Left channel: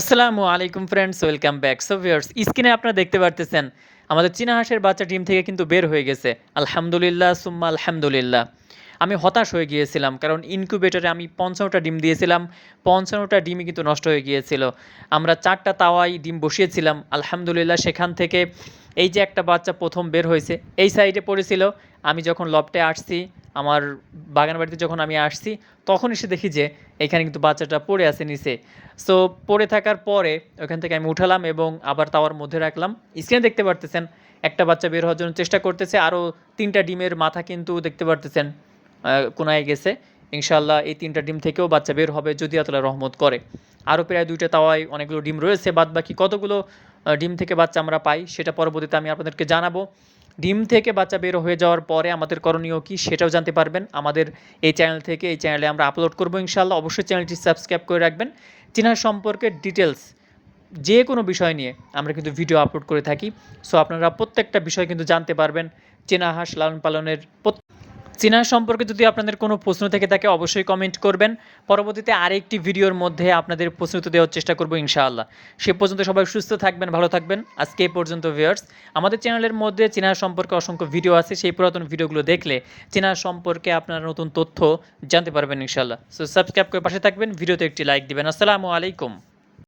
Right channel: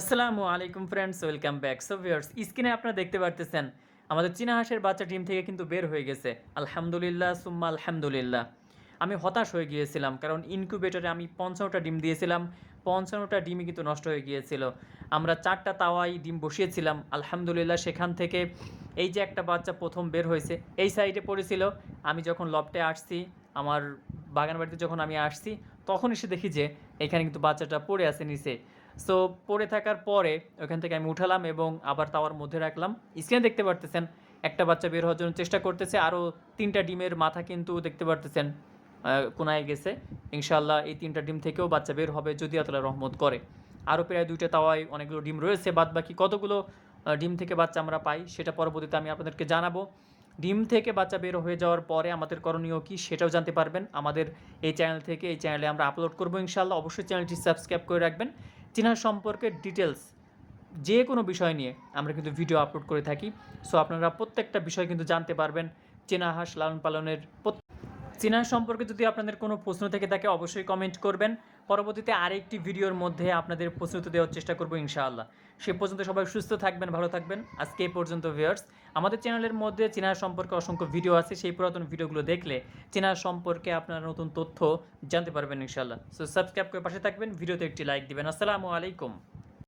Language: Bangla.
আসসালামু আলাইকুম friends, welcome back. So viewers, স্ক্রিনে আপনারা দেখতে পারতেছেন আমাদের চীনা হাঁসের বাচ্চা ডিম থেকে কিন্তু বের হয়ে গেছে। আলহামদুলিল্লাহ সুম্মা আলহামদুলিল্লাহ। আমি হতাশ হয়ে গিয়েছিলাম কারণ ইনকিউবেটরে আমি ৫৫টা ডিম দিয়েছিলাম। ৫৫টা ডিমই কিন্তু নষ্ট হয়ে গিয়েছিল। আমরা ৪টা তাওয়ায় ডিম বসিয়েছিলাম। আলহামদুলিল্লাহ সেখান থেকে এই যে একটা বাচ্চা ১ম বের হয়েছে, এই সাইডে পড়েছিল। আমি যখন লফটে আসছি, আমার বাগান বাড়িতে যখন আমি আসছি, তখন এসে দেখি যে এখানে কিন্তু বাচ্চাটা পড়ে আছে নিচে। সো পড়ে থাকার পরে ওখান থেকে আমি উঠালাম এবং আবার তাওয়ার মধ্যে রাখলাম। স্ক্রিনে দেখতে পারতেছেন একটা বাচ্চা বের হওয়ার জন্য চেষ্টা করতেছে। আরও ৩টা ডিমের মাথা কিন্তু দেখতে পারতেছেন কোনায় গেছে। ইনশাআল্লাহ এই ৩টা ডিম থেকেও বাচ্চা বের হবে যদি আল্লাহ রহমত করে। আরও প্রায় ২টা তাওয়ায় অনেকগুলো ডিম রয়েছে। বাদবাকি কতগুলো ডিম থেকে বাচ্চা আমরা পাই সেটা পরবর্তীতে আমি আপনাদেরকে জানাবো। ডিম থেকে বাচ্চা বের হয়ে যাওয়ার পরে আমাদের করণীয় কী সেটাও জানতে পারবেন আমাদের এই চ্যানেল থেকে। এই চ্যানেলে আমরা আপলোড করবো ইনশাআল্লাহ। অবশ্যই চ্যানেলটি সাবস্ক্রাইব করে রাখবেন। চীনা সম্পর্কে ডিটেলস যে কোনো বিষয় নিয়ে আমরা কিন্তু ভিডিও আপলোড করে থাকি। সো আপনারা প্রত্যেকটা বিষয় কিন্তু জানতে পারবেন চীনা হাঁস লালন পালনের। চীনা সম্পর্কে যদি আপনাদের কোনো প্রশ্ন থেকে থাকে অবশ্যই কমেন্ট করবেন। পরবর্তীতে আরেকটি ভিডিওর মধ্যে আপনাদের প্রশ্ন উত্তর দেওয়ার চেষ্টা করব ইনশাআল্লাহ। সে পর্যন্ত সবাই সুস্থ থাকবেন, ভালো থাকবেন। আজকে এই পর্যন্ত ভিউয়ার্স। আমাদের চ্যানেলের মধ্যে চীনা সম্পর্কে অসংখ্য ভিডিও আছে। সেই পুরাতন ভিডিওগুলো দেখলে চীনা সম্পর্কে আপনারা নতুন তথ্য জানতে পারবেন ইনশাআল্লাহ। সো সাবস্ক্রাইব করে পাশে থাকবেন, ভিডিওতে একটি লাইক দিবেন। আসসালামু আলাইকুম।